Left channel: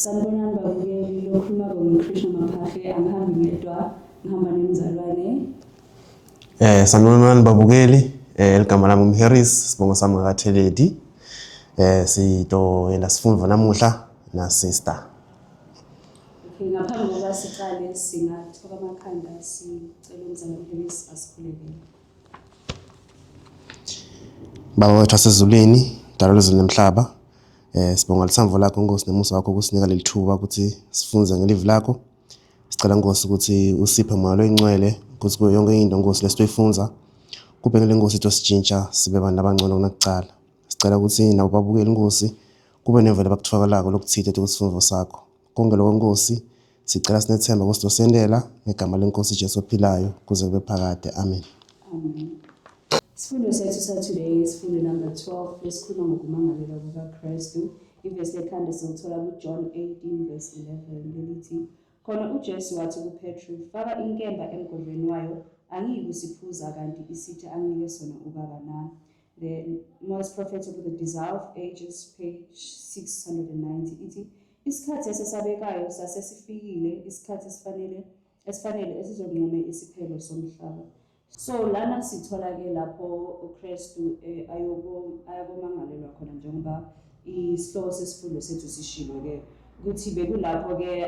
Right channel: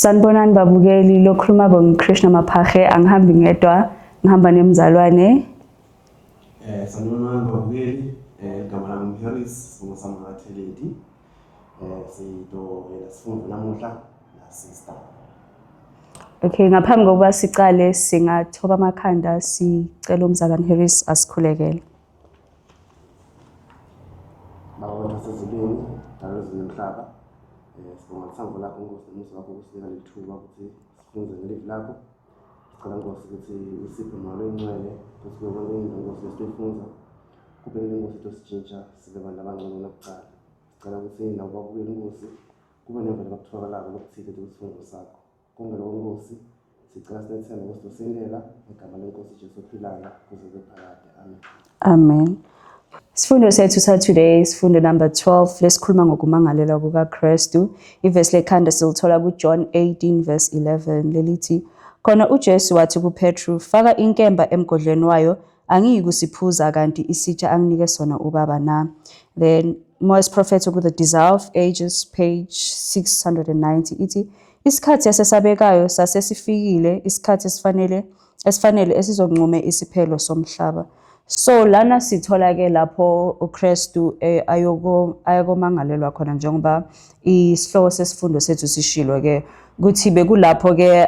Sanibonani babukeli, lokhuluma Krishna Maphahe, angihambi ngedwa, ngihamba nemzalwane. Sanibonani babukeli, igama lami nguHarris, sibongo sami ngakaTheledi. Sito sifunda namuhla na sister. Okay, ngaphambi kokuba sicale singathoba amakhanda sicela umzalwane Harris asikhulekele. Baba wethu wasezulwini, dalo lezulu nemhlaba. Sibonga lithambo lakho Nkosi nemusa wakho ukusinika leli thuba ukuthi sifunze ngelive lakho. Sicela Nkosi ukuthi usiphe moya loyingcwele ukuthi kuyo yonke into Nkosi lesitoyifunza kube ngile Nkosi itosijintsha sibe abantu abangcono kunakucala. Sicela ukuthi nabo babukeli Nkosi kube nevele bakuthokalako lokuthithe kusifundvo sakho. Konke lokho Nkosi sicela sinethemba ukuthi dosendela ngegama lenkosi Jesu ophilayo kuze kube phakade. Amen. Amen. Sifundo sethu today sifundo number 12 lesikhuluma ngokumangalela kukaKristu. Ivesi lekhanda silithola kuJohn 18 verse 11 lelithi khona uJesu wathi kuPetru, faka inkemba emgodleni wayo, angiyi kusiphuza kanti isitsha anginike sona ubaba na. Then Moyes Prophet ku The Desire of Ages page 690 ithi isikhathi esesabekayo sasesifikile, isikhathi esifanele esizonqume isiphelo somhlaba. So lana sithola ke lapho uKristu ayakomangalelwa khona njengoba isihloko sesifundo sethu sishilo ke kuthi bekulapho ke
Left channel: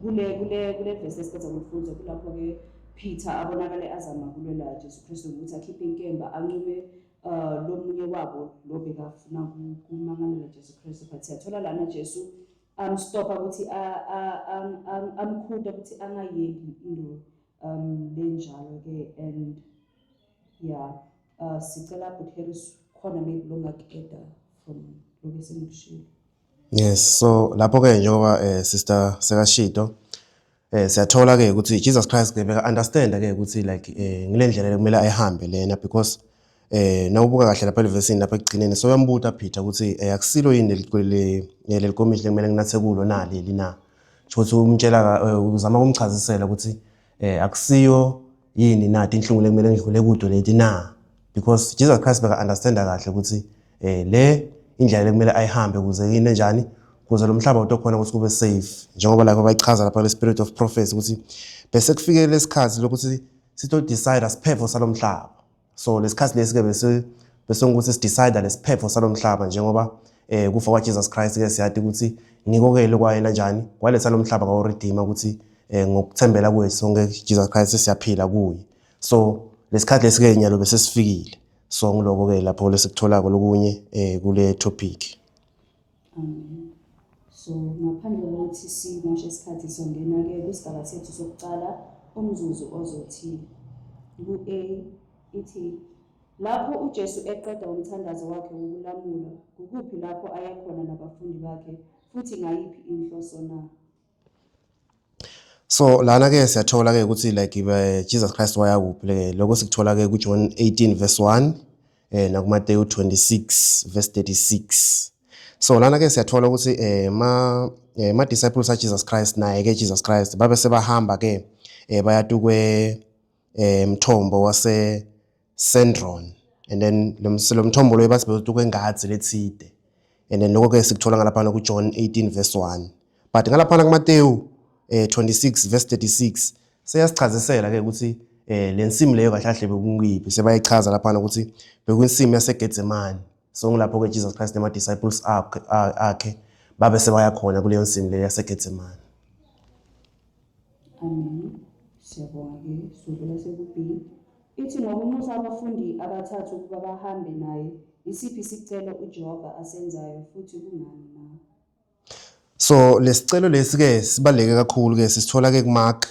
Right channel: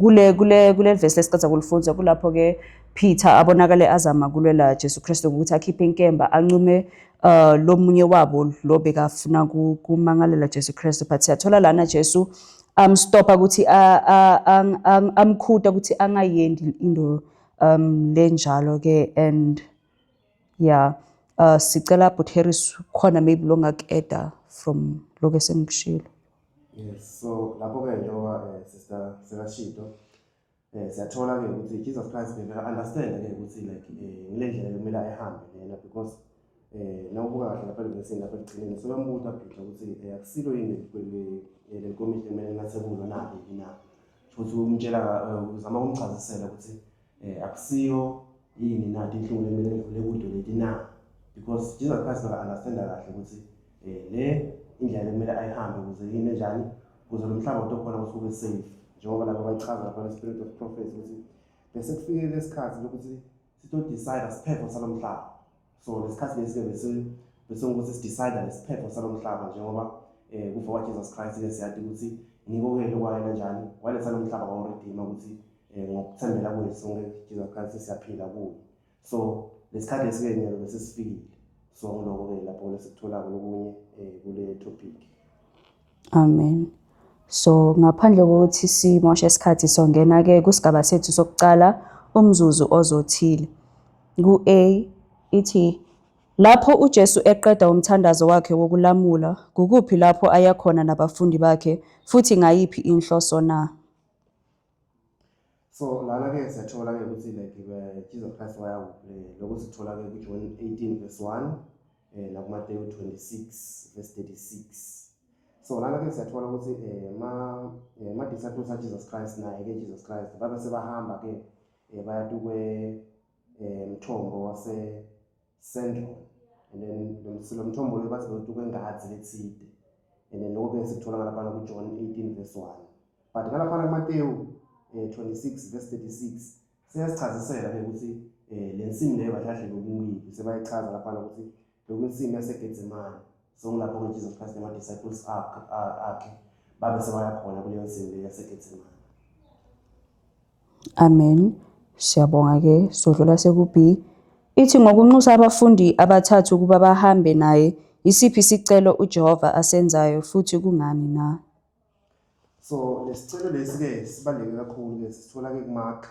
kule verse lesicatha kulifunza kulapho ke Peter abonakale azama kulwela Jesu Kristu ukuthi akhiphe inkemba ancume lomunye wabo lo bekafuna kumangalela Jesu Kristu, but siyathola lana Jesu stopa ukuthi amkhuta ukuthi angayendi into lenjalo ke. And yeah, sicela but Harris khona maybe longakeda from lokho esengikushilo. Yes, so lapho ke njengoba sister sekashito siyathola ke ukuthi Jesus Christ ke beka understand ke ukuthi like ngilendlela kumele ayihambe lena because nawubuka kahle lapha elivesini lapha ekugcineni so uyambuta Peter ukuthi akusilo yini lelikomishini kumele nginathe kulo nali lina ukuthi umtshela uzama ukumchazisela ukuthi akusiyo yini nathi inhlungu lekumele ngidlule kudo leti na, because Jesus Christ beka understand kahle ukuthi le indlela lekumele ayihambe kuze yini njani kuze lo mhlaba utokhona ukuthi kube safe njengoba lapha bayichaza lapha le spirit of prophecy ukuthi bese kufike lesikhathi lokuthi sito decide asiphepho salomhlaba. So lesikhathi lesike bese ukuthi sidecide lesiphepho salomhlaba njengoba kufa kwa Jesus Christ ke siyathi ukuthi ngikokele kwayena njani waletha lo mhlaba kwa redeemer ukuthi ngokuthembela kwethu sonke Jesus Christ siyaphila kuye. So lesikhathi lesike nyalo bese sifikile. So ngiloko ke lapho lesikutholako lokunye kule topic. Amen. So ngaphandle kokuthi simoshe isikhathi songena ke kusigaba sethu sokucala umzuzu ozothile. Ku-A ithi lapho uJesu eqeda umthandazo wakhe wokulamula kukuphi lapho aya khona nabafundi bakhe futhi ngayiphi inhloso na. So lana ke siyathola ke ukuthi like Jesus Christ waya kuphi ke lokho sikuthola ke kuJohn 18 verse 1 na kuMateyu 26 verse 36. So lana ke siyathola ukuthi ma disciples a Jesus Christ naye ke Jesus Christ babe sebahamba ke bayatu kwe mthombo wase Cedron, and then lo mthombo lo bathi betu kwengathi lethide, and then lokho ke sikuthola ngalaphana kuJohn 18 verse 1. But ngalaphana kuMateyu 26 verse 36 seyasichazisela ke ukuthi lensimi leyo kahle kahle bekungiphi sebayichaza laphana ukuthi bekuyinsimi yaseGetsemane. So ngilapho ke Jesus Christ nema disciples akhe babe sebaya khona kuleyo nsimi leyo yaseGetsemane. Amen. Siyabonga ke sodlula sekuB ithi ngokunxusa abafundi abathathu kuba bahambe naye isiphi isicelo uJehova asenzayo futhi kungani na. So lesicelo lesike sibaleke kakhulu ke sisithola ke kuMark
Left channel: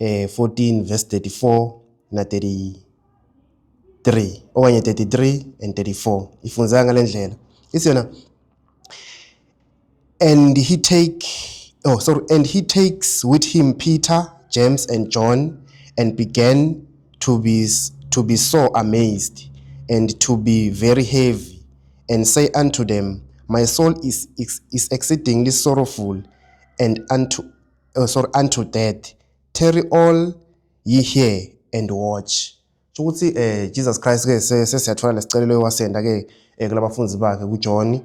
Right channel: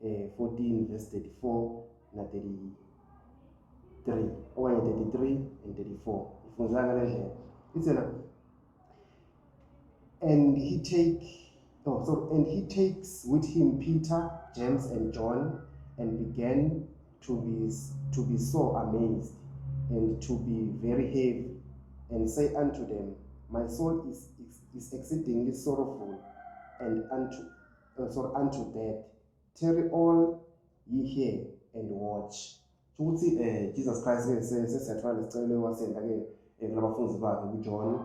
14 verse 34 na 33 okanye 33 and 34 ifunza ngalendlela isiyona and he takes with him Peter, James and John and began to be so amazed and to be very heavy and say unto them, my soul is exceedingly sorrowful and unto death. Tarry all ye here and watch. Ukuthi Jesus Christ ke sesiyathola lesicelo wasenda ke kulabafunzi bakhe kuJohn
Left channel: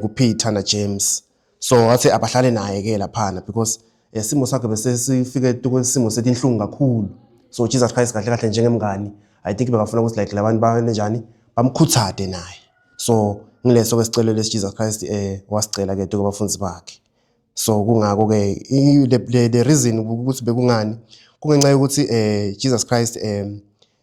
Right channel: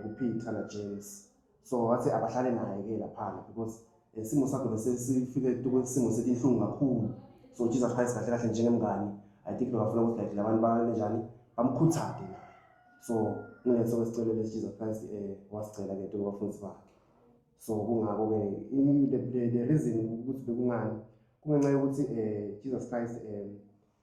kuPeter na James. so wathi abahlale naye ke laphana because isimo sakhe bese sifike kwesimo setinhlungu kakhulu. So Jesus Christ kahle kahle njengemngani I think bekafuna ukuthi like labantu banjani bamkhuthade naye. So ngileso ke sicelo lesi Jesus Christ wasicela ke kubafundisi bakhe. So kungako ke the reason ukuthi bekungani kungenxa yokuthi Jesus Christ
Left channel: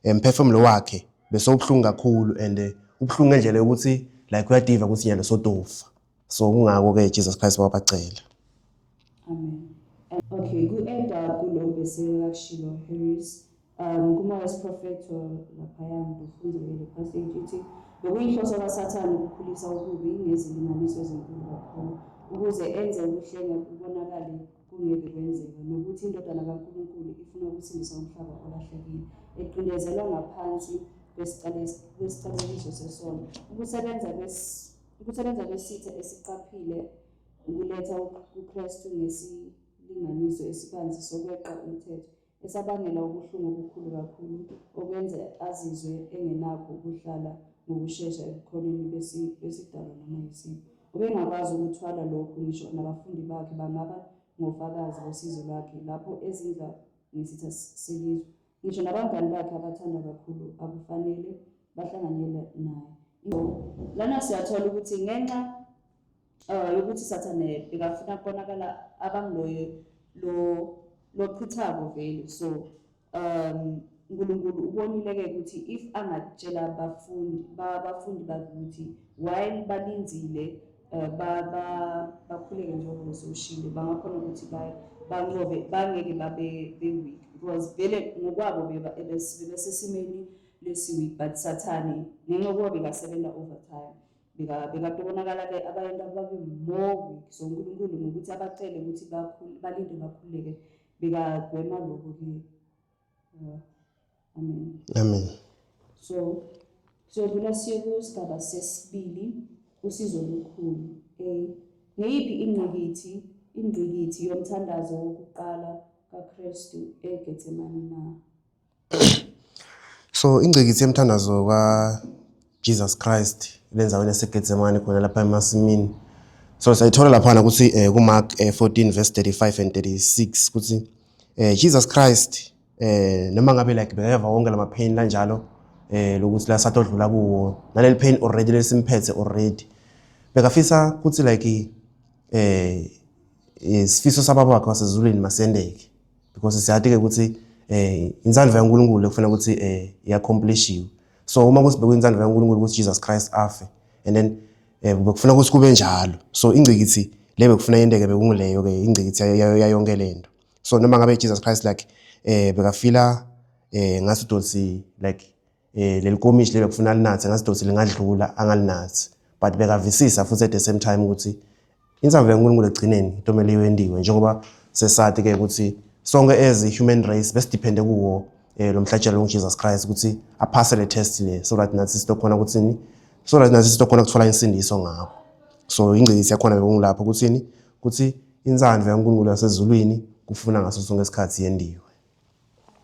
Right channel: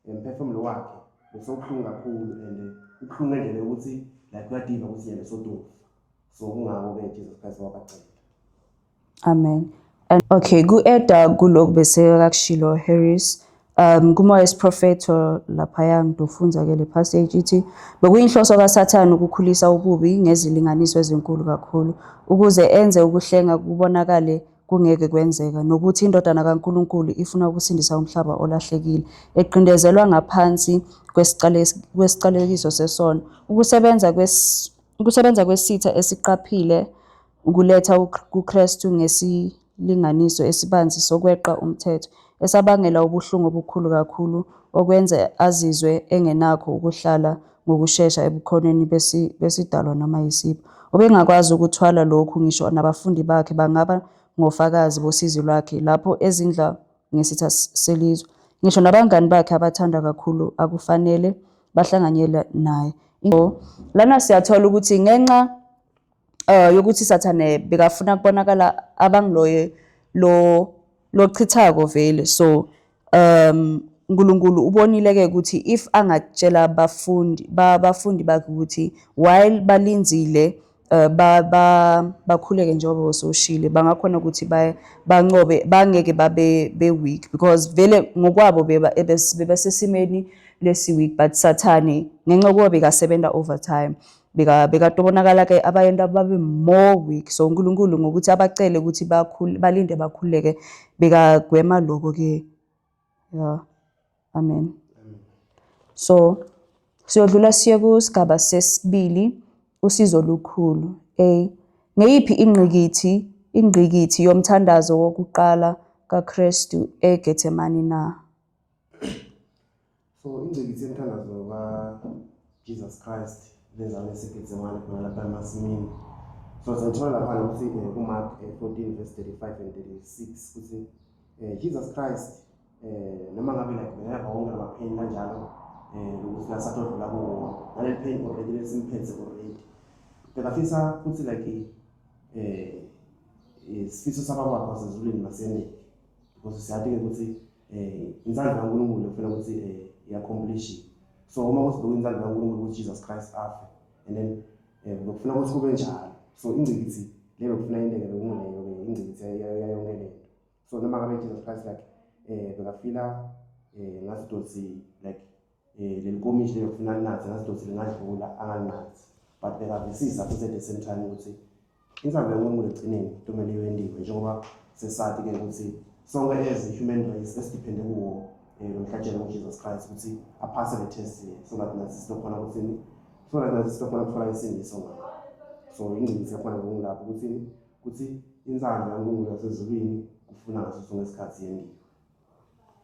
umphefumulo wakhe bese ubhlungu kakhulu and ubhlungu ngendlela yokuthi like uyadiva ukuthi nyalo sotofa. So kungako ke Jesus Christ wabacela. Amen. And okay, ku-eda kulokhu bese kakushilo Harris. Kumoya isiphrofetho laphaya ngidofunza ke le passage ithi bekuyinhloso kaSathane ukukhulisa ububi ngezilinganiso ezinkulu kakhulu ukuze enze ukuhlenga kubonakale kungeke kwenzeka nokuthi indodana kaNkuluNkulu ifuna ukusindisa umhlaba olahlekile eqindezelwa ngaphansi kwesiqalekiso sesono ukusebenza kwesitha esiqaphile ukuletha kuKristu ngesilinganiso esibanzi sokweqa umthetho esabangela ubuhlungu obukhulu kakhulu okwenza azizwe engenakho ukuhlala ngokusheshsha ebukhoneni besidalwa noma yisipho ubengakwazi ukuthwala lokhu ngisho nabafundi bakhe bangaba ngofakazi bosizi lwakhe lapho ezindla ngesitha selizwe ngisho nabangani bakhe abathanda kakhulu akufanele bahlanganyele naye lana siyathola ukuthi ngenxa yokuthi Sathane bekafuna kubonakala abangiloye lo chithako vele so uNkulunkulu ubonile ke ukuthi if angatshela abafundi bakhe ukuthi while balinzile bakhuleke njengoba usoshile bangakhona ukuthi banqobe bangeke babe weak because vele ngokwabo bebasesimeni lesi weak but Sathane ngenxa yokuba bekasebenza overtime bekatobonakala ke abayenda babe more weak so uNkulunkulu ngokuthi abacele ukuthi balinde bakhuleke bekagwema lokho ke yeah amen so siyodlula siye kusigaba sesibili usizo olukhulu ngeyiphi ingqikithi yomthandazo wokuqala kaKristu eGetsemane na so ingqikithi yomthandazo Jesus Christ lenzaweni eseGetsemane khona lapha emasimini so sayithola lapha ukuthi kuMark 14 verse 35 and 36 ukuthi Jesus Christ noma ngabe like bekeva wonke lamapain kanjalo lokuthi la satodlula kuwo naleli pain already lesimphethe already bekafisa ukuthi like isifiso sababa bakhe wasezulwini masendeke because siyathi ke ukuthi inzandvo yaNkulunkulu ekufanele ukuthi iyaccomplishwe so uma kusibekwe inzandvo yaNkulunkulu ukuthi Jesus Christ afe and then bekufuna ukuthi kube njalo so ingcikithi le bekufuna yendeke bekungileyo ke ingcikithi yayonke lento so noma ngabe Jesus Christ like bekafila ngathi dotsi like lelikomishi le bekufuna linathe ngathi dotsi lingadlula angalinathi but bekavisisa futhi at the same time ukuthi inzandvo yaNkulunkulu egcineni itomele iwendiwe njengoba sesathi ke ukuthi sonke as a human race besidepende kuwo lo mhlatshelo Jesus Christ ukuthi aphase le test le so that nathi sitokhona ukuthi so that nathi sitokhona ukuthola insindiso ngakho so ingcikithi yakhona bekungilapho ukuthi inzandvo yaNkulunkulu yasezulwini kufuna ngaso sonke isikhathi yendiwe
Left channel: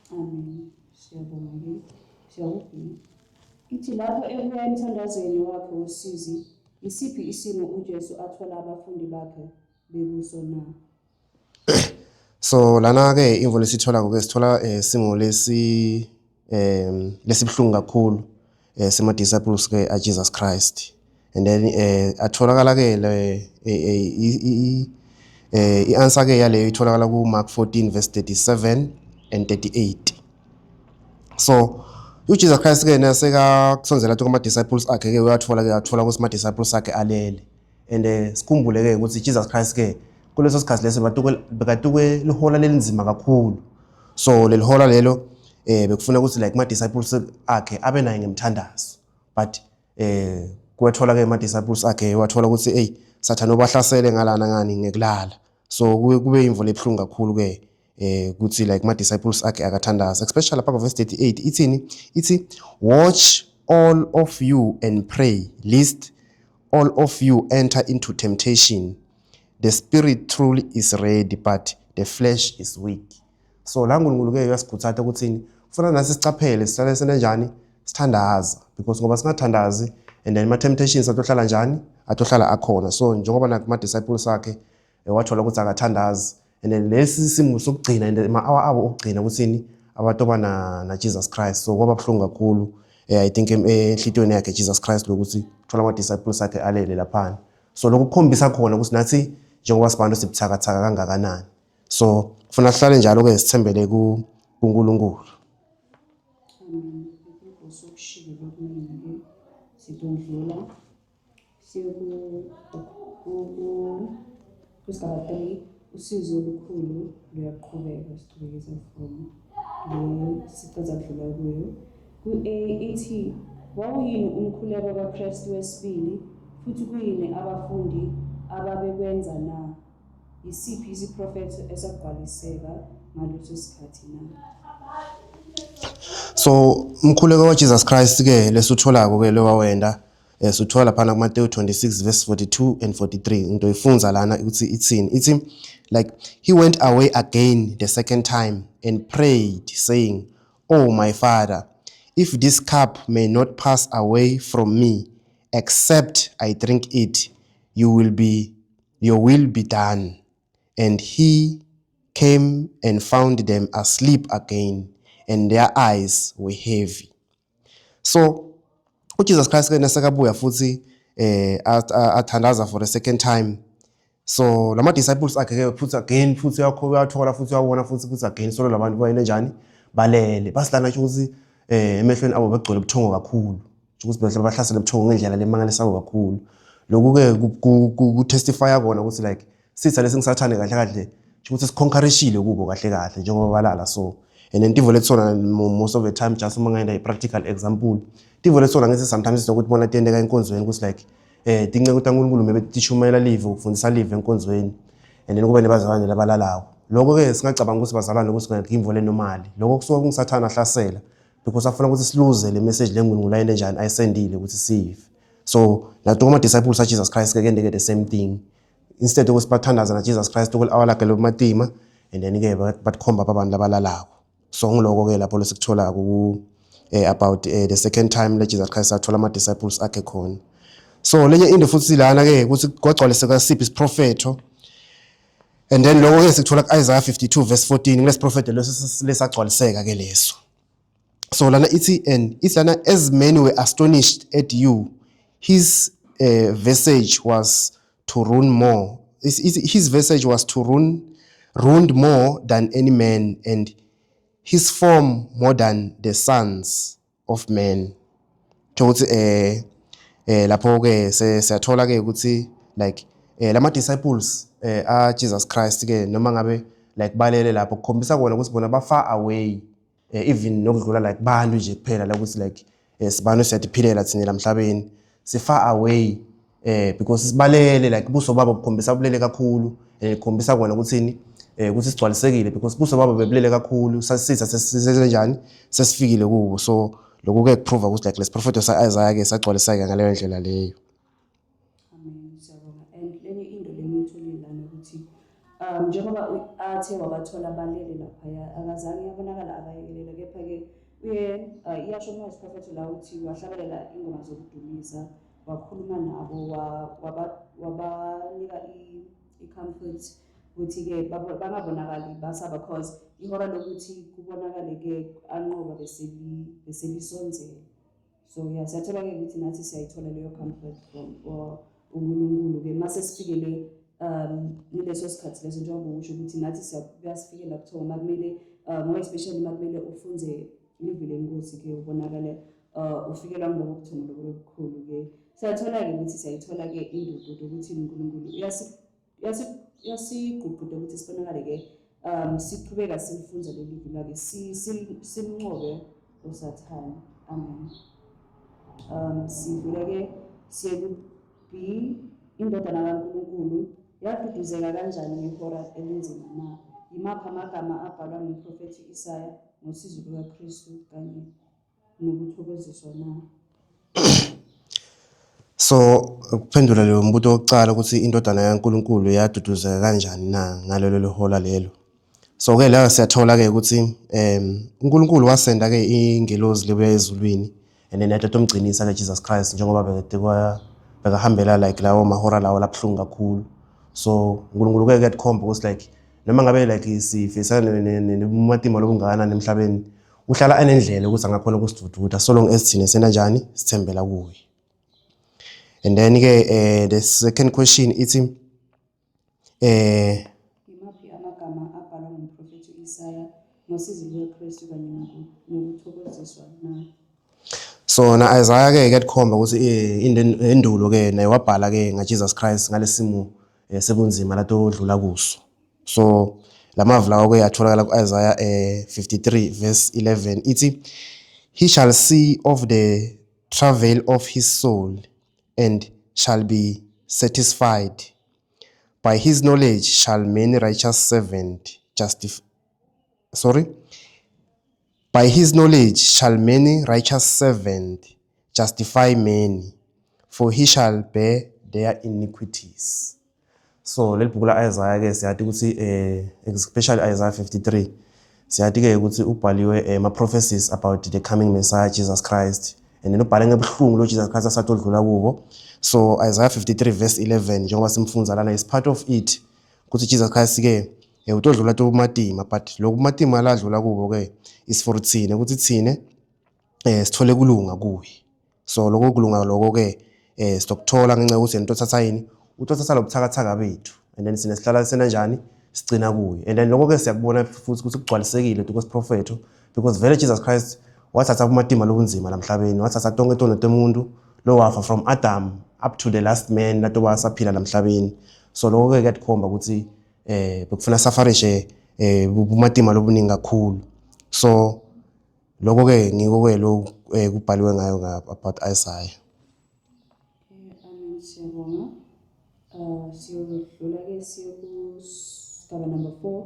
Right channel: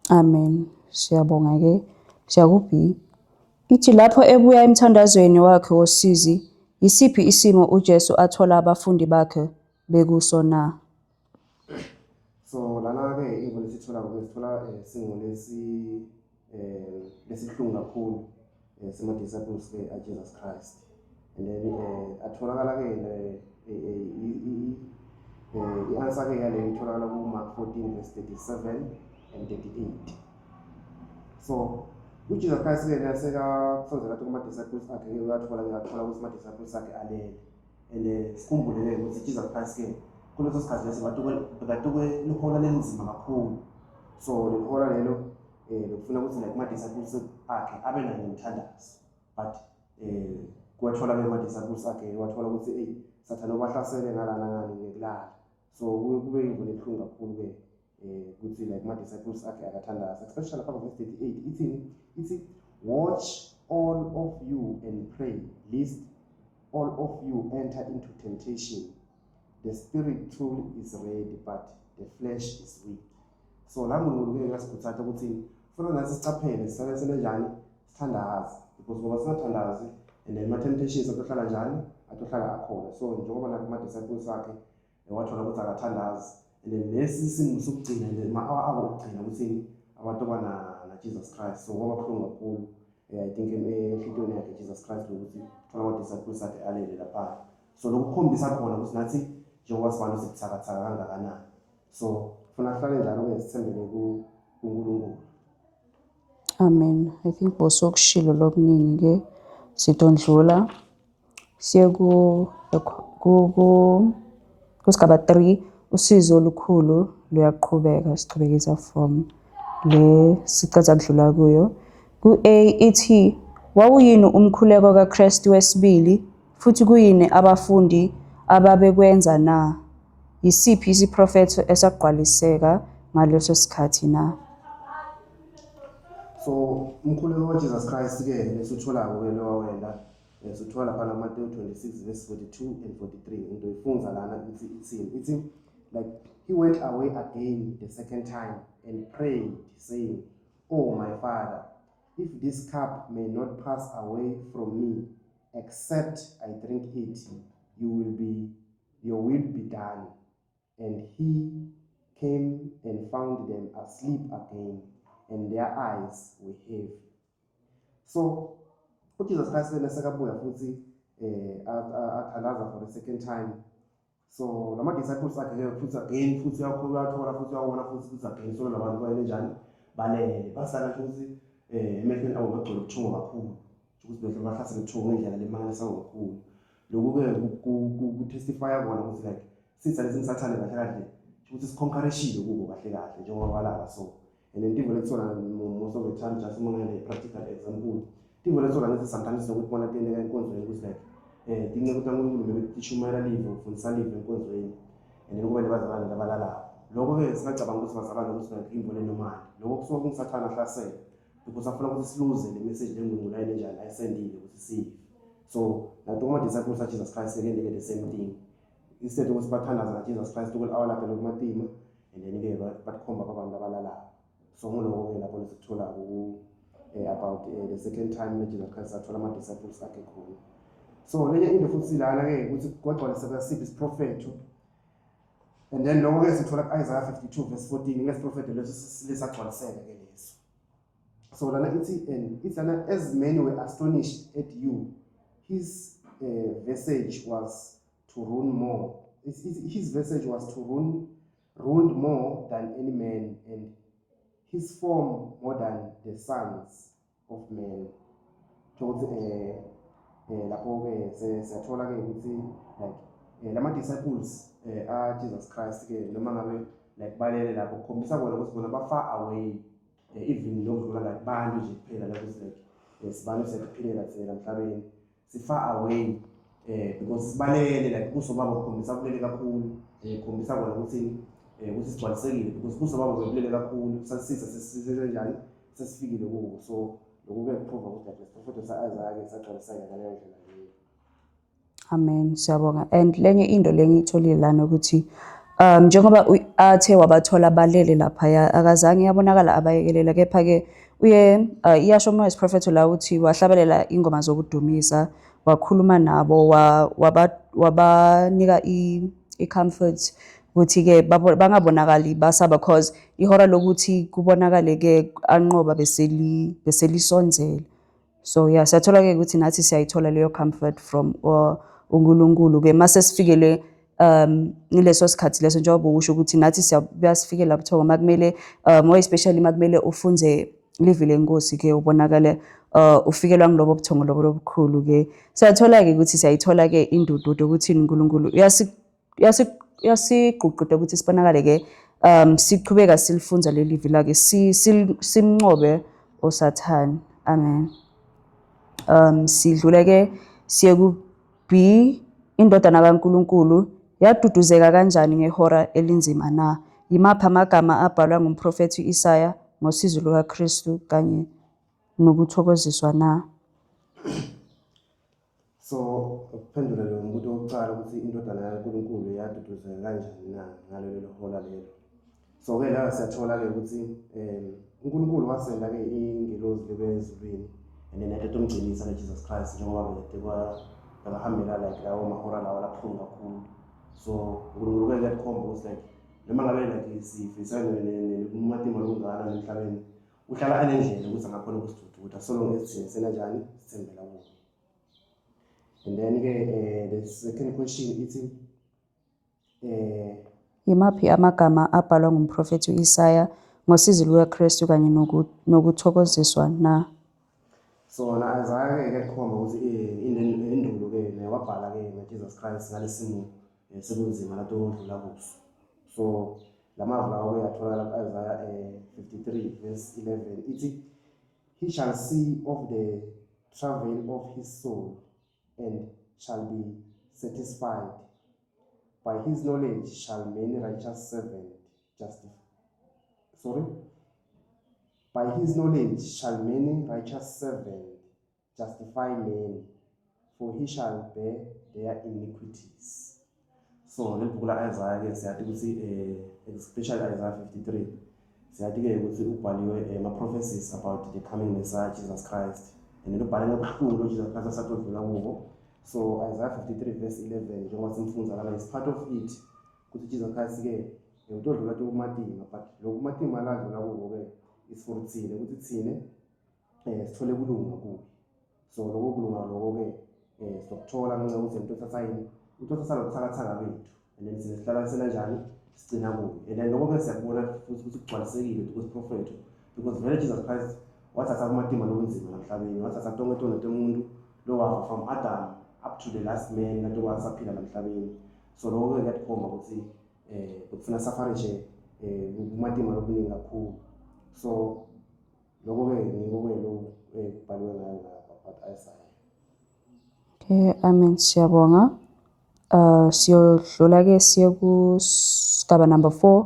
amen siyabonga ke siyakubi ithi lapho ebuya emthandazweni wakhe wosizi isiphi isimo uJesu athola abafundi bakhe bekusona so lana ke imvo lesithola ngoke sithola simo lesibhlungu kakhulu sema disciples ke Jesus Christ and then atholakala ke i-answer ke yaleyo itholakala ku Mark 14 verse 37 and 38 so uJesus Christ ke naseka kusonzela kuma disciples akhe ke athola ukuthi ma disciples akhe alele and sikhumbule ke ukuthi Jesus Christ ke kuleso sikhathi leso bekatuke lihola lelinzima kakhulu so lelihola lelo bekufuna ukuthi like ma disciples akhe abe naye ngemthandazo but kwathola ke ma disciples akhe wathola ukuthi Sathane obahlasele ngalana ngani ngekulala so kube imvo lebhlungu kakhulu ke ukuthi like ma disciples akhe akathandaza especially lapha verse 38 ithi watch all of you and pray lest all of you enter into temptation. The spirit truly is ready but the flesh is weak. So la uNkulunkulu ke uyasikhuthaza ukuthini ufuna nasi sicaphele sihlale senenjani sithandaza because ngoba singathandazi and then ma temptations atohlala njani atohlala akhona so njengoba nakuma disciples akhe wathola ukuthi akathandazi and then lesi simo sokugcina and ama-hour abo okugcina ukuthini abantu abana Jesus Christ so kwaba buhlungu kakhulu I think enhlitiyweni yakhe Jesus Christ lokuthi thola ama-disciples akhe alele laphana so lokhu kukhombisa khona ukuthi nathi njengoba sibantu sibuthakathaka kangakanani so kufuna sihlale njalo-ke sithembele kuNkulunkulu. Amen. I think bosokushilo lokuningi-ke sidondlula siye kusigaba 3 usizo olukhulu luyaqhubeka siqhubekisa from le sicaza kudlula kuyo. Ku-A ithi wawuyini umkhuleko kaKristu wesibili futhi kuyini abafundi ababekwenza na? Yisiphi isiprofetho esagqwaliseka ngaleso sikhathi na? So umkhuleko kaJesus Christ ke lesutholako ke lewawenda suthola laphana kuMateyu 26 verse 42 and 43 into ifunza lana ukuthi ithini ithi like he went away again the second time and prayed saying, "Oh my Father, if this cup may not pass away from me except I drink it, your will be done." And he came and found them asleep again, and their eyes were heavy. So uJesus Christ ke nasekabuya futhi athandaza for the second time. So lama disciples akhe ke futhi uyathola futhi uyabona futhi again so labantu bayine njani balele basilana ukuthi emehlweni abo begcwele ubuthongo kakhulu ukuthi behle bahlasele ubuthongo ngendlela lemangalisayo kakhulu lokhu ke ku testify kona ukuthi like sitha lesingisathane kahle kahle ukuthi siconquerishile kubo kahle kahle njengoba balala so and then tivo letsona most of the time just uma ngenda practical example tivo letsona ngithi sometimes sokuthi bona tiyendeka enkonzweni ukuthi like dinge ukuthi uNkulunkulu mebetishumela live ukufundisa live enkonzweni and then kube nebazalwane labalalawo lokho ke singacabanga ukuthi bazalwane ukuthi ngimvo lenomali lokho kusuka kungisathana ahlasela because afuna ukuthi siluze le message leNkulunkulu ayine njani ayisendile ukuthi sive so lato kuma disciples of Jesus Christ ke ndeke the same thing instead ukuthi bathandaza na Jesus Christ ukul awalakhe lo matima and then ke batkhomba abantu labalalawo so ngiloko ke lapho lesikuthola ku about the second time le Jesus Christ athola ama disciples akhe khona. So lenye into futhi lana ke ukuthi kwagcwaliseka siphi isiprofetho and then lokho ke sikuthola ku-Isaiah 52 verse 14 kulesi prophet lesagcwaliseka ke leso. So lana ithi and it's lana as many were astonished at you his visage was to ruin more his visage was to ruined more than any man and his form more than the sons of men. Ukuthi lapho ke siyathola ke ukuthi like lama disciples Jesus Christ ke noma ngabe like balele lapho kukhombisa kona ukuthi bona ba far away even nokudlula like bantu nje kuphela la ukuthi like sibanu siyadiphilela thina lamhlabeni si far away because sibalele like buso baba bukhombisa ubulele kakhulu kukhombisa kona ukuthini ukuthi sigcwalisekile because buso baba bebulele kakhulu sasitha sesize njani sesifikile kubo so lokho ke kuprova ukuthi like lesiphrofeto sa-Isaiah ke sagcwaliseka ngaleyo ndlela leyo. Amen. Siyabonga. And lenye into lengitholile lana ukuthi njengoba athe wabathola balele lapha akazange yabonakala abayekelela kepha ke uye iyasho uMoses prophet la uthi wahlabelela ingoma zokudumisa wakhuluma nabo wabanika i-comfort ukuthi ke bangabonakali basaba because ihora lokuthi kubonakale ke anqoba beselisonzela so yeah siyathola ke ukuthi nathi siyayithola leyo comfort from uNkulunkulu ke mase sifikele nileso sikhathi leso njengoba usho ukuthi nathi siyasifikela buthongo makumele more especially makumele ufunze live lenkosi ke ubonakale ufikelwa ngilobo buthongo lobo lobukhulu ke siyathola ke ukuthi siyayithola ke indududo ukuthi uNkulunkulu yasigququde ukuthi sibonakale ke siqhubeka silifunza le live lake simnqobe osathani. Amen. Sidlule ke siye ku B indodana kaNkulunkulu yaduduzeka kanjani ngehora elinzima na? Yimaphi amagama abhalwa ngumprofethi Isaya ngosizo lukaKristu kanye nokuthokoziswa na? So ukuphendula leyo mbuto wokucala ukuthi indodana kaNkulunkulu yaduduzeka kanjani na ngalelo hola lelo. So ke la siyathola ke ukuthi uNkulunkulu wasenda ke ingelozi lebuya ezulwini and then yathi umgcinisa ke Jesus Christ njengoba bekahambela like lawo mahora lawo labhlungu kakhulu So uNkulunkulu ke kuyakhomba ukuthi like noma ngabe like sifisana nematima lobungakanani emhlabeni uhlala anendlela ukuthi angakhona ukusidududa so long as thina sena njani sithembela kuye. And then ke the second question ithi Yimaphi amagama abhalwa ngumprofethi u-Isaya ngosizi lukaKristu kanye nokuthokoziswa na? so na Isaiah ke kuyakhomba ukuthi indulo ke naye wabhala ke ngaJesus Christ ngalesimo sebunzima lato odlula kuso. So lamavu lawo ke yatholakala ku-Isaiah 53 verse 11 ithi he shall see of the travail of his soul and shall be satisfied. By his knowledge shall many righteous servant By his knowledge shall many righteous servant justify many, for he shall bear their iniquities. So leli bhuku la Isaiah ke siyathi ukuthi especially Isaiah 53 siyathi ke ukuthi ubhaliwe ama prophecies about the coming Messiah Jesus Christ, and then ubhale ngebuhlungu lo Jesus Christ asatodlula kubo. So Isaiah 53 verse 11 njengoba simfunza lana is part of it ukuthi Jesus Christ ke utodlula to matima, but lokhu matima la adlula kubo ke is for thina ukuthi thine sithole kulunga kuye. So lokho kulunga lokho ke sitokuthola ngenxa ukuthi into thatha yini utothatha lobuthakathaka bethu, and then sine sihlala sena njani sigcina kuye. And then lokho ke siyakubona futhi ukuthi kugcwalisekile because prophet, because vele Jesus Christ wathatha kumatima lobunzima lamhlabeni, wathatha tonke tono tomuntu lo wafa from Adam up to the last man lato basaphila lamhlabeni. So lokho ke kuyakhomba ukuthi bekufuna safarishe kumatima lobuningi kakhulu. So lokho ke ngiko ke lo kubhaliwe ngayo about Isaiah. Okay, amen, siyabonga. Siyodlula ke siye kusigaba number 4,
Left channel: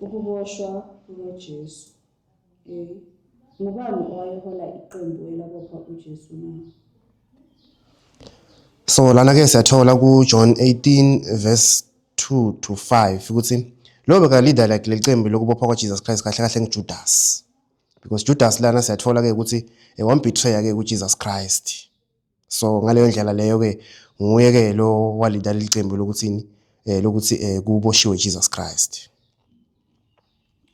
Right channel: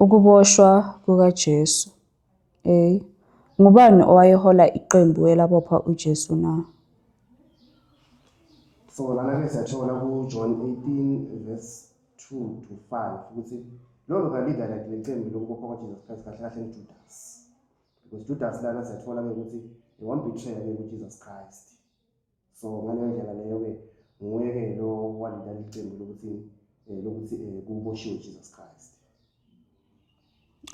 ukuboshwa kukaJesu. Ngubani owayehola iqembu elabopha uJesu na? So lana ke siyathola ku John 18 verse 2 to 5 ukuthi lo beka leader like lecembu lokubopha kwaJesus Christ kahle kahle nguJudas, because Judas lana siyathola ke ukuthi wambetray ke kuJesus Christ. So ngaleyo ndlela leyo ke nguye ke lo walida lecembu lokuthini lokuthi kuboshiwe Jesus Christ.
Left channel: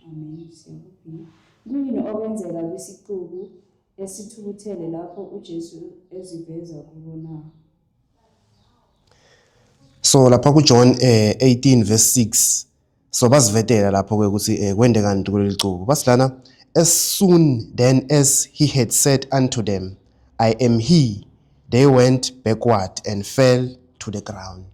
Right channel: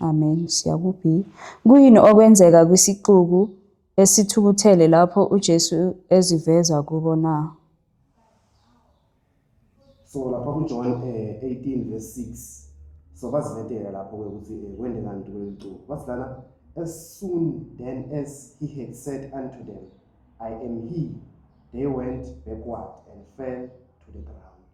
Amen, siyakuphi. Kuyini okwenzeka kwisixuku esithukuthele lapho uJesu eziveza kubo na? So lapha ku John 18 verse 6 so basivetela lapho ke ukuthi kwende kanti kuleli cuku basilana, as soon then as he had said unto them, I am he, they went backward and fell to the ground.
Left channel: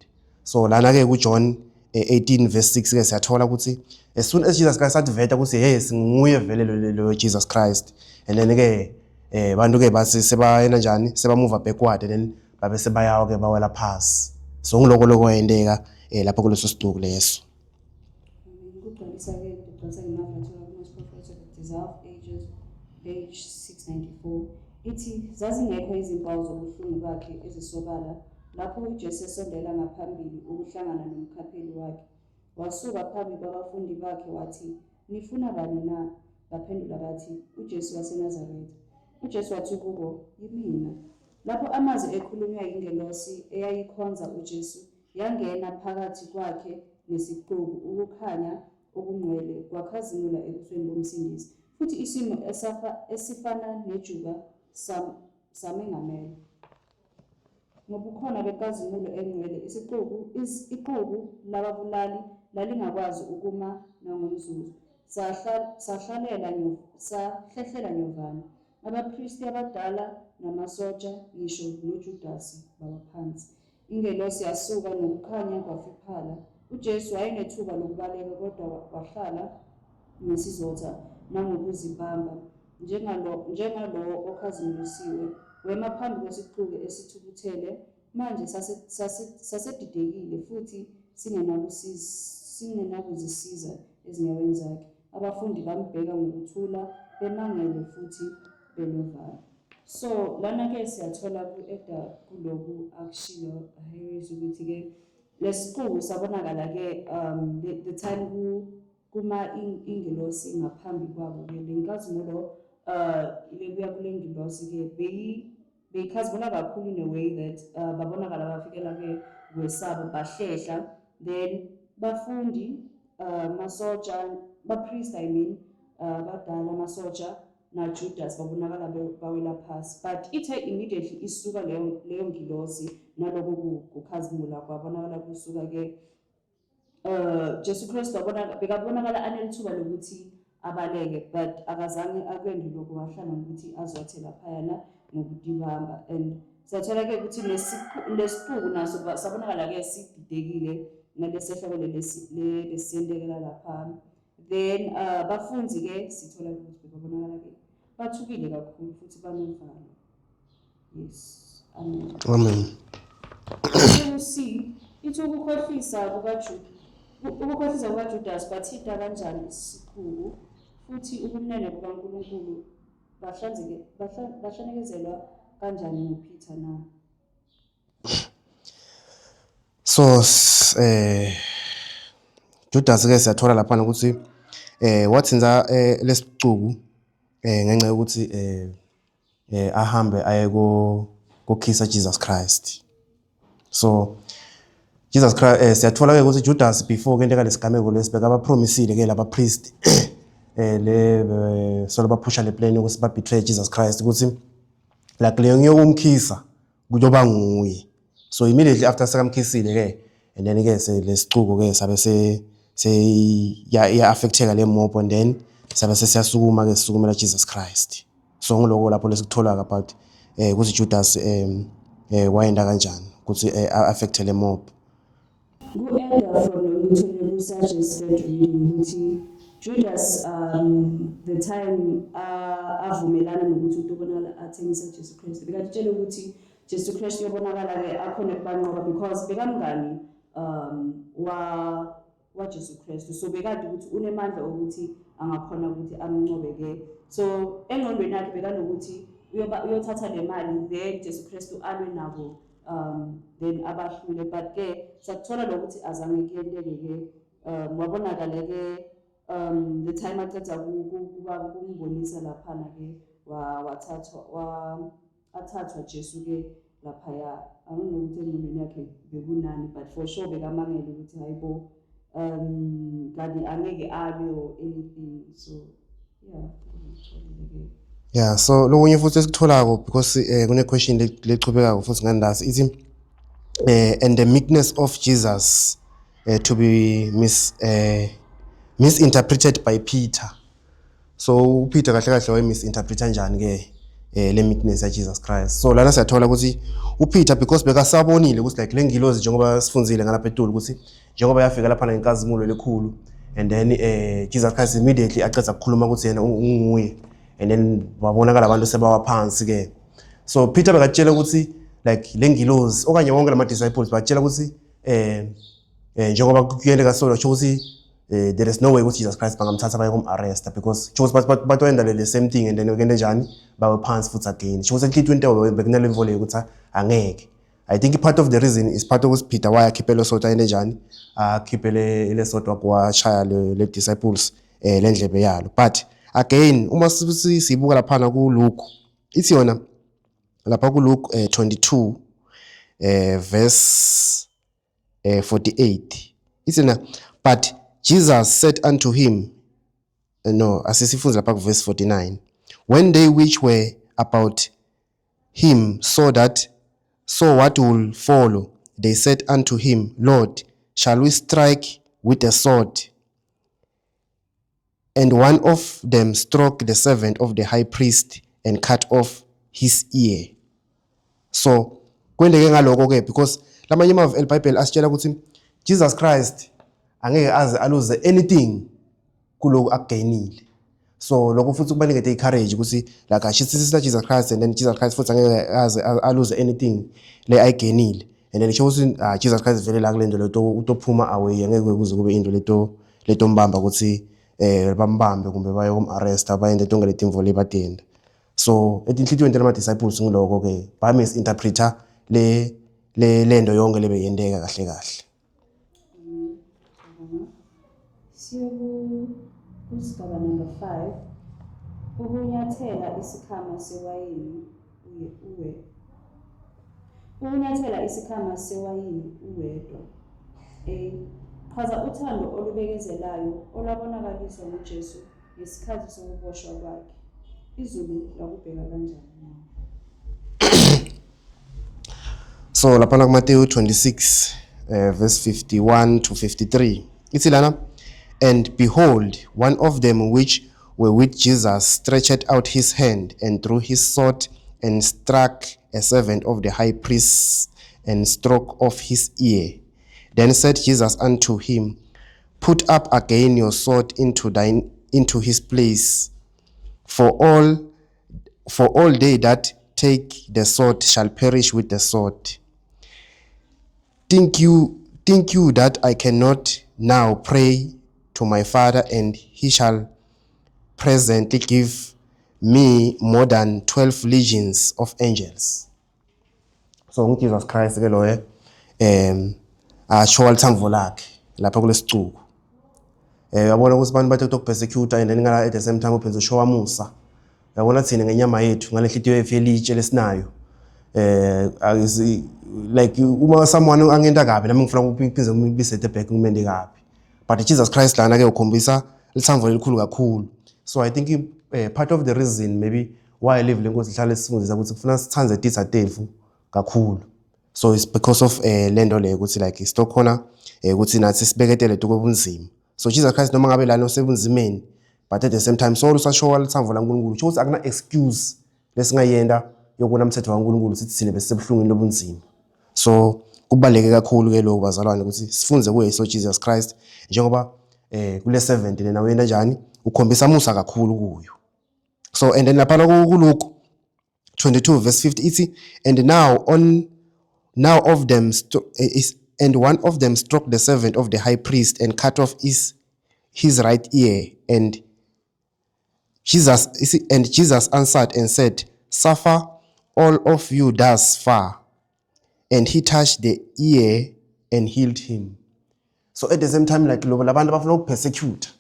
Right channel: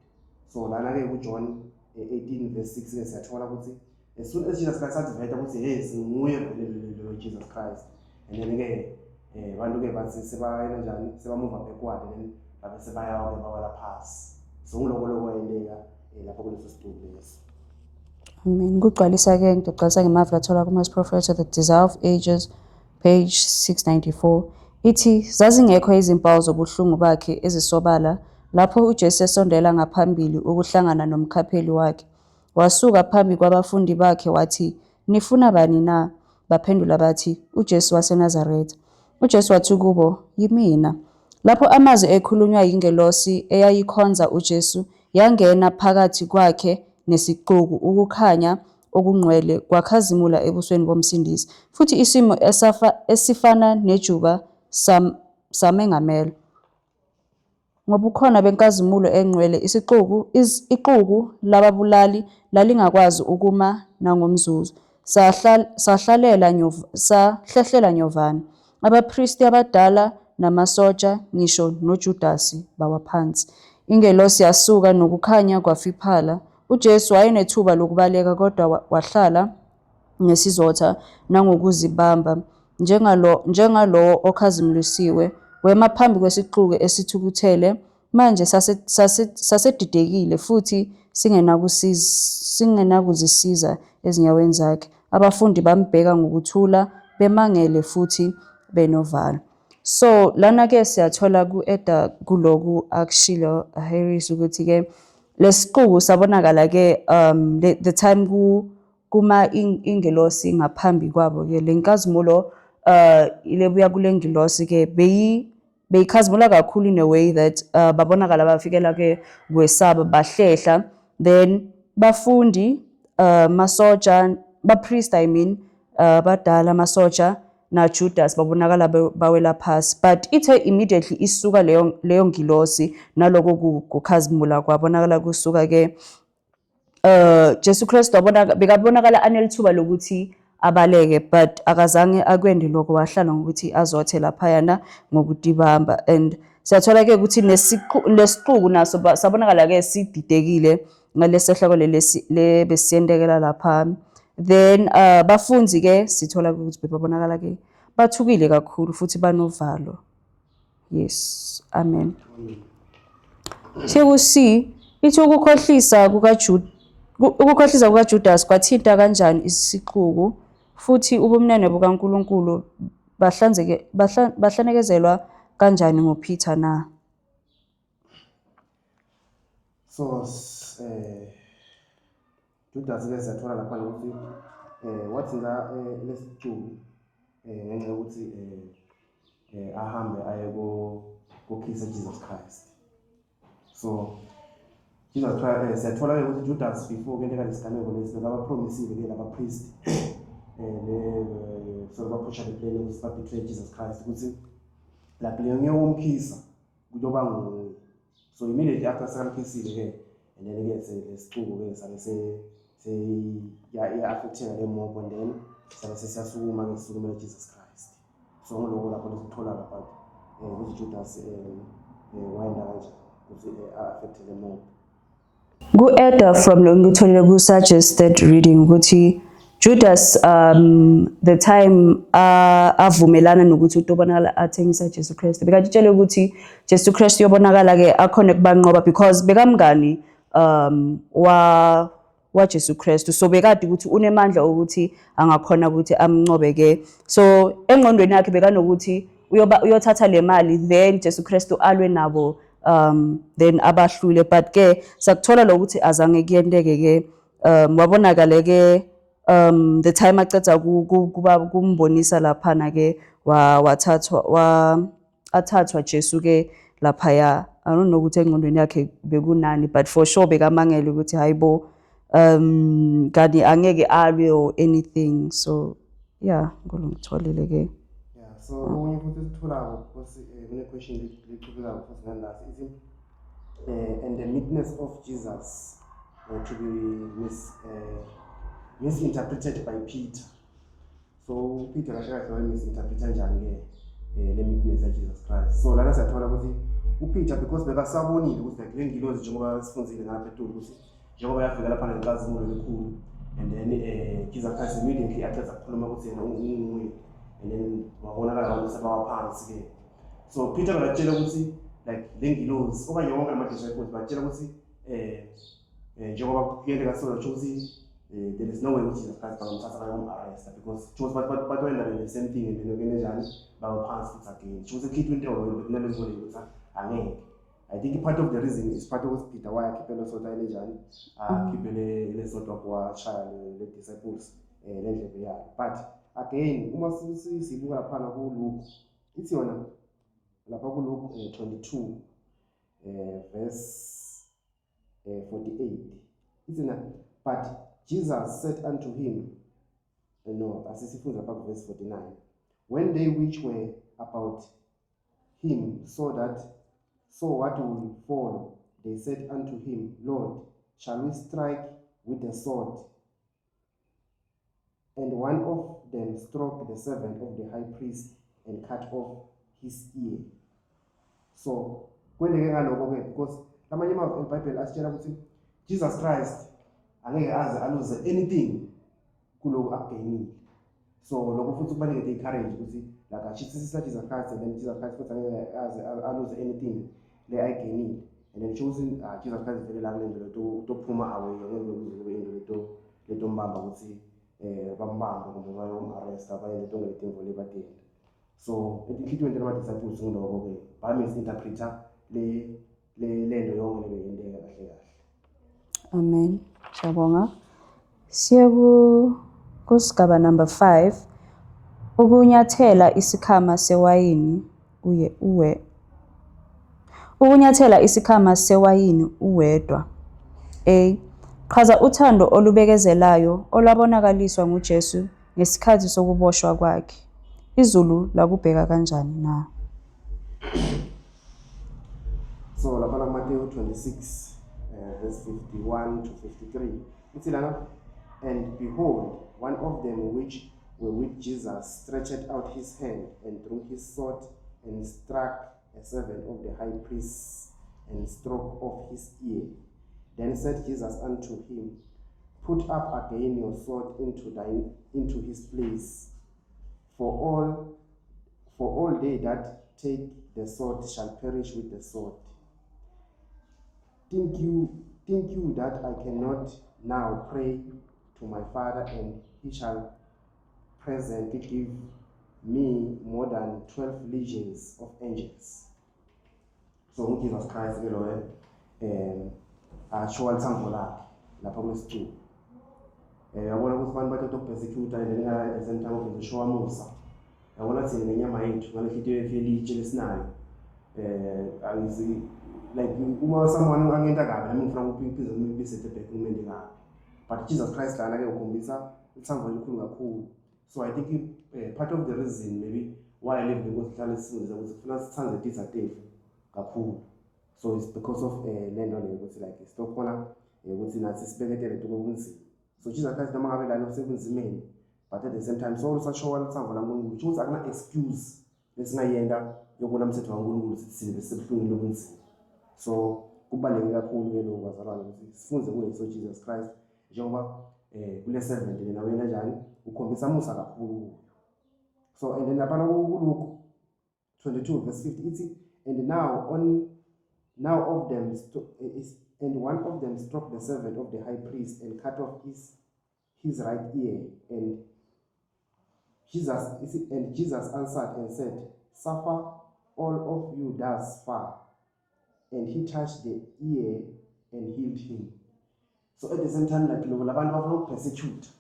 So lana ke ku John 18 verse 6 ke siyathola ukuthi as soon as Jesus Christ atveta ukuthi hey singuye vele lo Jesus Christ, and then ke bantu ke basi sebayena njani seba move backward and then babe sebayawo ke bawela phansi. So ngiloko lokwendeka lapho kuleso siduku leso. Amen. Kugcwalisa ke ngicacisa ngemavu lathola kuma Prophets of the Desire of Ages page 694 ithi zazingekho izimpawu zobuhlungu bakhe ezisobala lapho uJesu esondela ngaphambili ukuhlangana nomkhapheli wakhe. Wasuka phambi kwabafundi bakhe wathi, nifuna bani na? Baphendula bathi, uJesu waseNazaretha. uJesu wathi kubo, yimina. Lapho amazwi ekhulunywa yingelosi eyayikhonza uJesu yangena phakathi kwakhe nesixuku, ukukhanya okungcwele kwakhazimula ebusweni bomsindisi, futhi isimo esifana nejuba samengamela. Ngobukhona benkazimulo engcwele ixuku lababulali lalingakwazi ukuma nangomzuzu, sahlehlela nyovana. Abapristi abadala namasotsha ngisho noJudasi bawaphansi. Ingelosi yasuka nokukhanya kwafiphala. uJesu wayenethuba lokubaleka kodwa wahlala ngesizotha nangokuzibamba njengalowo okhazimulisiwe. Wema phambi kwesixuku esithukuthele, manje sasedidekile futhi singenakuzisiza ezinyaweni zakhe. Abafundi bambheka ngokuthula bemangele futhi benovalo. So lana ke siyathola ku-Eda kuloku akushilo Harris ukuthi ke lesixuku sabonakala ke the time kuma ingelosi ngaphambi kwabo ke lenkazimulo ilebuya kule ngilosi ke beyikhazimula kakhulu in a way that babonakala bafikela ke kwesaba bahlehla then bafundi masoja bapriest badala masoja na Judas babonakala bawela phasi, but ithe immediately isuka leyo ngilosi naloko kukhazimula kwabonakala kusuka ke Jesu Kristu bekabonakala anelithuba lokuthi abaleke, but akazange akwende lokho, wahlala ngokuthi azothe laphayana ngokutibamba. And siyathola ke ukuthi lesixuku naso sabonakala ke sididekile ngalesehloko le besiyendekela lapha. Then bafunzi ke sithola ukuthi bebabonakala ke bathukile kakhulu futhi banovalo. Yes, amen. Amen. Sekusi ithi ukukhohlisa kukaJudas kwathinta kanjani isixuku, futhi ubumnene bukaNkulunkulu bahlanekezelwa kanjani ngoPeter na? So Judas ke siyathola lapha ukuthi wathinza lesixuku ngenxa yokuthi ahambe aye kokhisa Jesus Christ. So Jesus Christ siyathola ke ukuthi Judas before ke into lesigameko lesibeka abapromisile ke laba priest so baphusha le plan ukuthi ba betray Jesus Christ ukuthi like leyo ngiyokumkhisa kuyoba nguye. So immediately after sekamkhisile ke and then ke lesixuku ke sabe ya affecteka le mob, and then sabe siyasukuma ke sisukumela Jesus Christ. So ngiloko lapho lesikuthola about ukuthi Judas wayenda kanjani ukuthi affect le mob. Ku-Eda from lo ngitholile ku-suggested reading ukuthi Judas the time avumelana nokuthi utobonakala athengisa Jesu Kristu, bekatshela ukuthi Jesu Kristu yobonakala ke akhona kubanqoba because bekamngani wa Jesu Kristu, so bekade ukuthi unemandla ukuthi angakhona ukuthi amncobe ke. So engqondweni yakhe bekanokuthi uyothatha le mali then Jesu Kristu alwe nabo then abahlule, but ke sakuthola lokuthi azange kuyenteke ke wabonakala ke the time aceda kuba kumbonisa laphana ke athathwa Jesu ke laphaya. I don't know ukuthi engqondweni yakhe bekunani, but for sure bekamangela ukuthi hayibo kanti angeke alwe or anything. So yeah, ngolongitholile ke. Yeah, so lokunye futhi esikutholako because kune question lechubekako futhi ngandazi ithi and the meekness of Jesus to be misinterpreted by Peter. So Peter kahle kahle waye misinterpreta njani ke le meekness ya Jesus Christ. So lana siyathola ukuthi uPeter because bekasabonile ukuthi like lengilozi njengoba sifunzile ngalapha eTulu ukuthi njengoba yafika lapha nenkazimulo lekhulu, and then Jesus Christ immediately aceda ukukhuluma ukuthi yena unguye, and then wabonakala abantu sebawaphansi ke. So Peter bekatshela ukuthi like lengilozi okanye wonke lama disciples batshela ukuthi njengoba kuyendeka solo ukuthi there is no way ukuthi Jesus Christ bangamthatha baye arrest because batwenda the same thing, and then ukende njani bawaphansi futhi again. Ukuthi ehlithu bekunale level ukuthi angeke. I think part of the reason is part of Peter why akhiphele sota ende njani akhiphele le sota kwachaya le disciples lendlebe yalo. But again uma sibuka lapha ku Luke ithi yona lapha ku Luke 22 verse 48 ithi na, but Jesus said unto him, no, asisifunza lapha ku verse 49, when they which were about him saw what will follow, they said unto him, Lord, shall we strike with a sword? And one of them struck the servant of the high priest and cut off his ear. So kwendeke ngaloko ke because lamanye ama eBible asitshela ukuthi Jesus Christ angeke aze aluze anything kuloko akugainile. So lokho futhi kubalulekile encourage ukuthi like ashitsisa Jesus Christ, and then Jesus Christ futhi angeke aze aluze anything le ayigainile, and then isho ukuthi Jesus Christ vele la kulendo leto utophuma away, angeke kuze kube into leto mbamba ukuthi bambambe kumbe baye arrest abayende tonke letimvo lebadenda. So etinhlitweni lama disciples ngiloko ke ba misinterpreta le lendo yonke lebeyendeka kahle kahle. Amen. Siyabonga. Siye kusigaba number 5. Ukunyathela isikhama sewayini ukunyathela isikhama sewayini uwedwa. A. Chaza uthando olubekezelayo olwabonakaliswa nguJesu ngesikhathi sokuboshwa kwakhe. IZulu lakubheka kanjani na? So lapha kuMateyu 26 verse 51 to 53 ithi lana, and behold, one of them which were with Jesus stretched out his hand and drew his sword and struck a servant of the high priest and struck off his ear. Then said Jesus unto him, put up again your sword into his place, for all they that take the sword shall perish with the sword. Think you that I cannot now pray to my Father, and he shall presently give me more than 12 legions of angels? So uJesus Christ ke loye asho lithambo lakhe lapha kulesicuku. Yabona ukuthi abantu bathe ukupersecute and then ngala at the same time upheze usho wamusa. Yabona thina ngenyama yethu ngale nhliziyo yethu elitshe lesinayo. Like uma someone angenta kabi nami ngifuna ukuphindze ngibisethe back ngimende kabi, but Jesus Christ lana ke ukhombisa lithambo elikhulu kakhulu. So I think part of the reason maybe why I live lenkosi ihlale sifundisa ukuthi kufuna sithanze dithatefu kakhulu. So it's because of lento le ukuthi like stock khona ukuthi nathi sibeketele tukobunzima. So Jesus Christ noma ngabe lana osebunzimeni, but at the same time so usashowa lithambo laNkulunkulu ukuthi akuna excuse lesingayenda yokuna umthetho kaNkulunkulu sithi sine besebhlungini lobunzima. So kubaleke kakhulu ke lokho bazalwane ukuthi sifunze kuye so Jesus Christ njengoba kule 70 lena wena njani ukhombisa musa kakhulu kuyo. So and then lapha kuLuke 22 verse 50 ithi, and one of them struck the servant of the high priest and cut off his right ear, and Jesus answered and said, suffer all of you thus far. And he touched the ear and healed him. So at the same time, like labantu bafuna ukupersecute.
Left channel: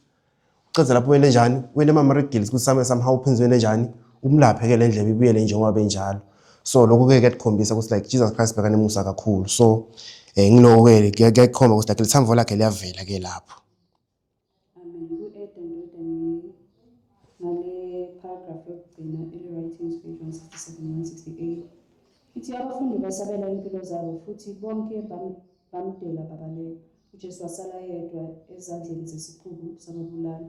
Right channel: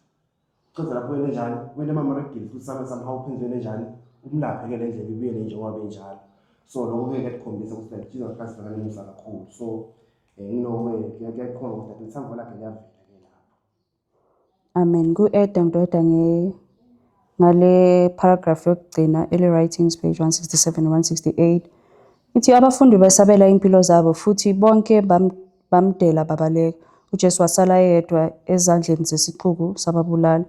Ucedza lapho wena njani, wena mama-riddles ukuthi somehow uphenze wena njani, umlaphe ke le ndlebe ibuyele njengoba benjalo. So lokho ke kuyakhombisa ukuthi like Jesus Christ bekane musa kakhulu. So ngiloko ke kuyakhomba ukuthi like lithambo lakhe liyavela ke lapho. Amen. Ku-Eda ngidoda ngale paragraph yokugcina eli writings page 167 168. Ithi abafundi besabela impilo zabo futhi bonke bamdela babaleka. uJesu wasala yedwa ezandleni zesixuku sababulali.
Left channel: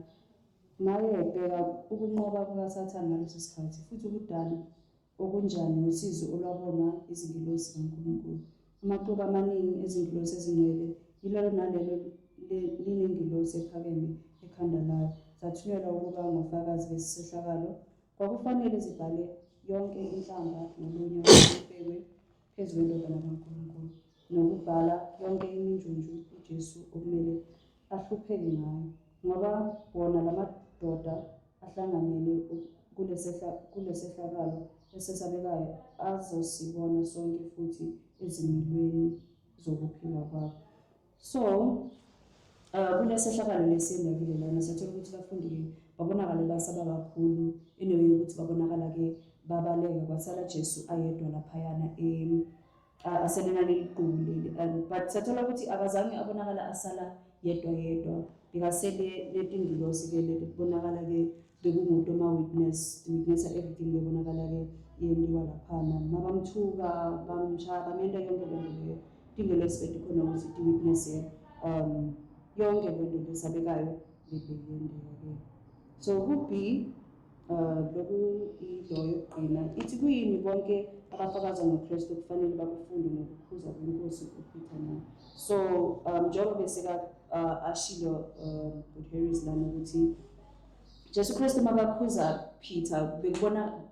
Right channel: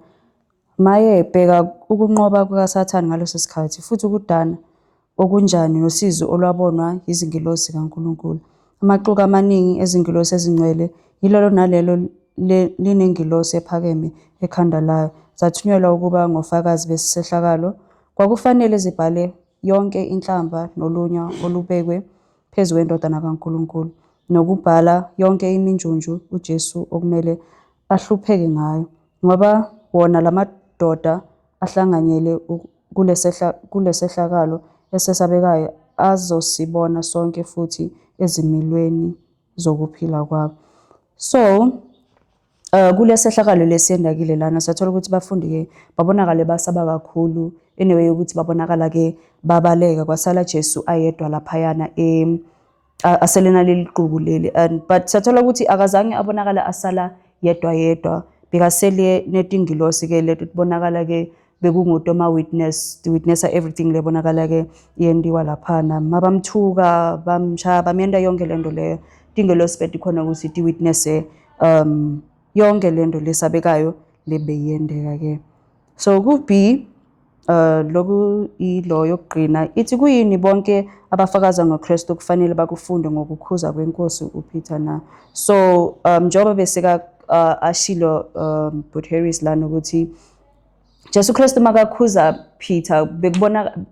Maye bheka ukunqoba kukaSathane ngaleso sikhathi futhi ukudana okunjani nosizo olwabonwa izingilosi kaNkulunkulu. Amaxuku amaningi ezingilosi ezingcwele yilolo nalelo linengilosi ephakeme ekhanda layo. Zathunyelwa ukuba ngofakazi besisehlakalo. Kwakufanele zibhale yonke inhlamba nolunya olubekwe phezu kwendodana kaNkulunkulu, nokubhala yonke iminjunju uJesu okumele ahlupheke ngayo, ngoba wona lamadoda ahlanganyele kulesehlakalo esesabekayo azosibona sonke futhi ezimilweni zokuphila kwabo. So kulesehlakalo lesiyendakile lana sathola ukuthi bafundi ke babonakala basaba kakhulu anyway ukuthi babonakala ke babaleka, kwasala Jesu ayedwa laphayana aselena leli qubu leli, but sathola ukuthi akazange abonakala asala yedwa bekasele netingilosi ke leto tibonakala ke bekunguto witness everything lebonakala ke yendiwa laphana, mabamthuka bamshaya bamyenda yonke lento leyo. Tingilosi betikhona ukuthi ti-witness yonke lento lesabekayo lebeyendeka ke. So ku-B loku ilo yokugcina ithi kuyini bonke abafakaza ngoKristu kufanele bakufunde ngokukhuza kwenkosi uPeter na. So njengoba beseka ashilo but Harris lana ukuthi Jesu Kristu makakhuza Peter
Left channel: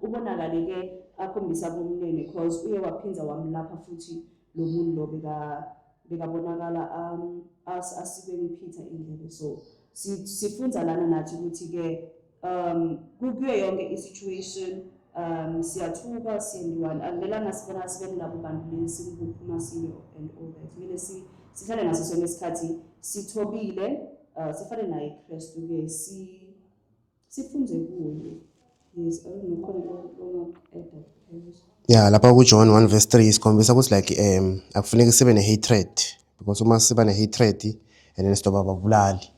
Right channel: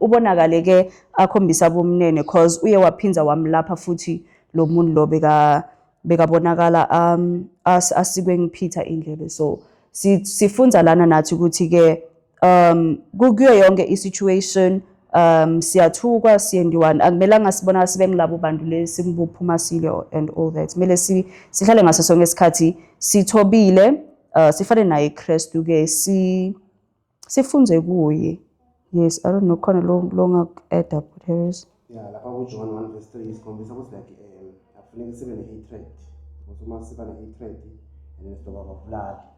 ubonakale ke akhombisa bomnene because uye waphinza wamlapha futhi lo muntu lo bekabonakala asikwe nguPeter indlebe. So sifunza lana nathi ukuthi ke kuyo yonke isituation siyathukwa siyendiwana, akumelanga sibona sibe ngilabo bantu lesimbuphuma sile and all that. Kumele sihlale ngaso sonke isikhathi sithobile, sifane naye Kristu ke sifunze kuye. Yes, I don't know khona lo add up Harris. Yeah, lapha ku John 1 verse 3 isikhombisa ukuthi like akufuneki sibe ne hatred because uma siba ne-hatred and then sidoba babulali.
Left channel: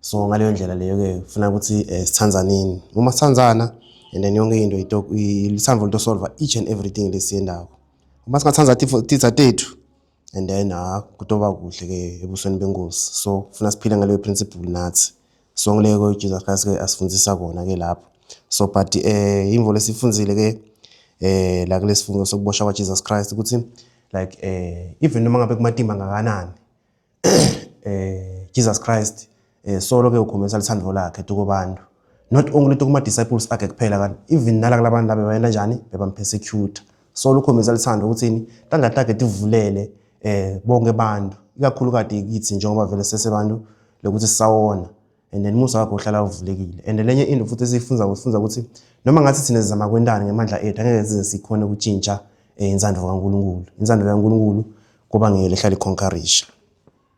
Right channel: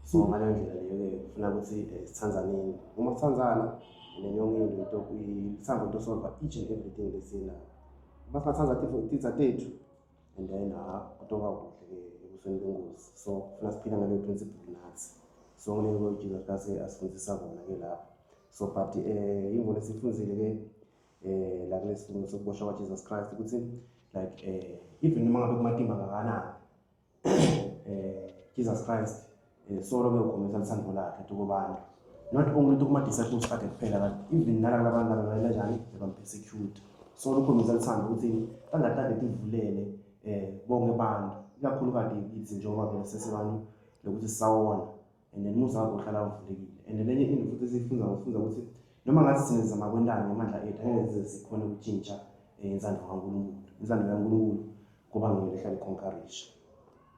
So ngaleyo ndlela leyo-ke kufuna ukuthi sithanzaneni. Uma sithanzana and then yonke into lisandvo litosolva each and everything lesiyendawo. Uma singathanza titha tethu and then kutoba kuhle-ke ebusweni benkosi. So kufuna siphile ngaleyo principle nathi. So ngileko uJesus Christ ke asifundisa kona-ke lapho. So but imvo lesifundzile-ke la kulesifungo sokuboshwa kwaJesus Christ ukuthi like even noma ngabe kumatimba ngakanani Jesus Christ solo ke ukhombisa lithando lakhe kubantu, not only kuma disciples akhe kuphela kanti even nala kulabantu laba bayena njani bebampersecute. Solo ukhombisa lithando ukuthi tanda takhe tivulele bonke abantu ikakhulukade kithi njengoba vele sesebantu lokuthi sisawona and then musa wakho uhlala uvulekile. And lenye into futhi esifunza ukuthi noma ngathi thina sizama kwendana ngemandla ethu angeke size sikhona ukutshintsha insando kaNkulunkulu. Insando kaNkulunkulu kuba ngeke ihlale iconquerisha.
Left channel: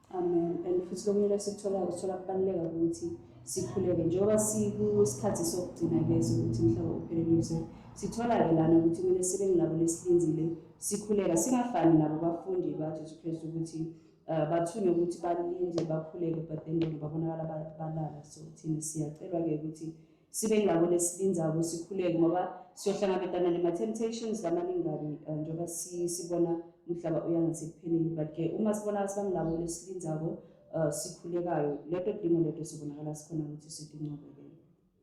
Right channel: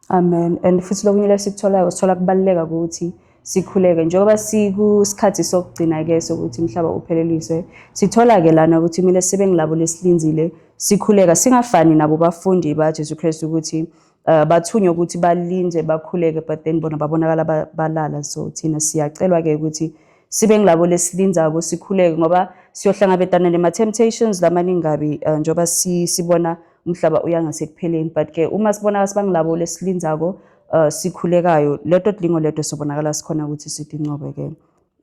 Amen. And futhi lokunye lesikutholayo sithola kubaluleka ukuthi sikhuleke njengoba sikusikhathi sokugcina ke sokuthi umhlaba upheleliswe. Sithola ke lana ukuthi kumele sibe ngilabo lesilinzile sikhuleka singafani nabo bafundi baJesu Kristu ukuthi bathunywa ukuthi balinze bakhuleke but then bona babonakala balala. So thina siyacelwa ke ukuthi sibe ngilabo lesilinzako sikhuleke ngoba siyohlangabezana nema temptations lamaningi kabi njengoba sibona umhlaba uyangasekupheleni. But ke uma sibona sibangilabo lesilinzako sikhulekayo leto dlingo leto sobonakala sikhona ukuthi sidinqobe ke.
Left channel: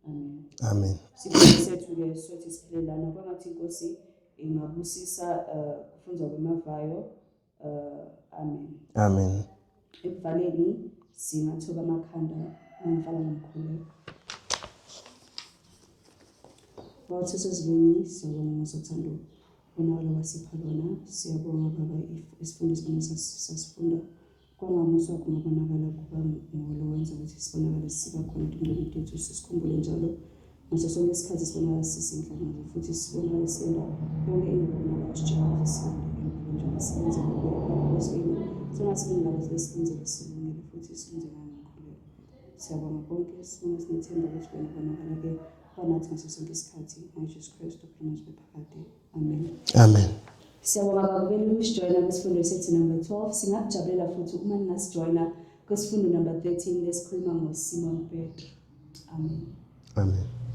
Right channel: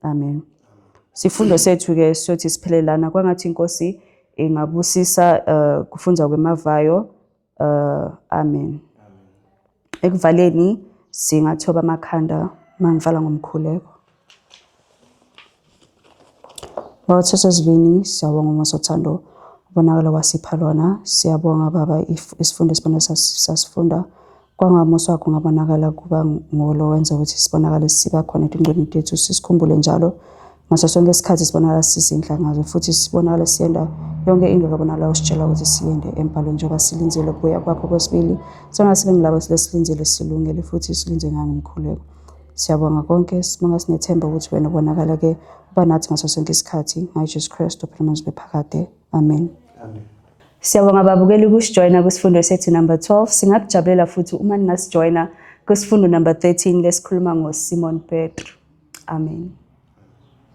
Amen. Amen. Sifundo sethu ke sothi siphelelana kwangathi inkosi ingabusisa kufunza kwemavayo. Amen. Amen. Ekuvaleni singathoba amakhanda mangivala ngomkhuleko. Bathosazivini siyabonga ngosothando ubonakala wasipha lona. Siyabonga baba isifundo sibona sasifunda kwangamuso wakho ngabonakala kuba ngolo wenza ukuthi sibonakale siba khona etingqondweni tethu sisikhumbule njalo ngaso sonke isikhathi sibonakala sizinhla ngazo futhi sibonakala siyenda yonke into lokubonakala usitshela ukuthi siyende empalweni njengoba silinzele kuya kwakho kwesibili sona sibe ngilabo silesilindele silungele futhi silinze ngangomkhuleko. Siyabonga konke sibonga sinethemba ukuthi wena ubonakala ke uba nathi ngaso sonke isikhathi ngaJesu Kristu phela bephakade. Amen. Amen. Siyabonga babukeli ukusijoyina kusifundo sethu number 12. Singakujabulela futhi uma ningasijoyina kusifundo number 13 lesikhuluma ngoSimon Petro. Amen. Amen.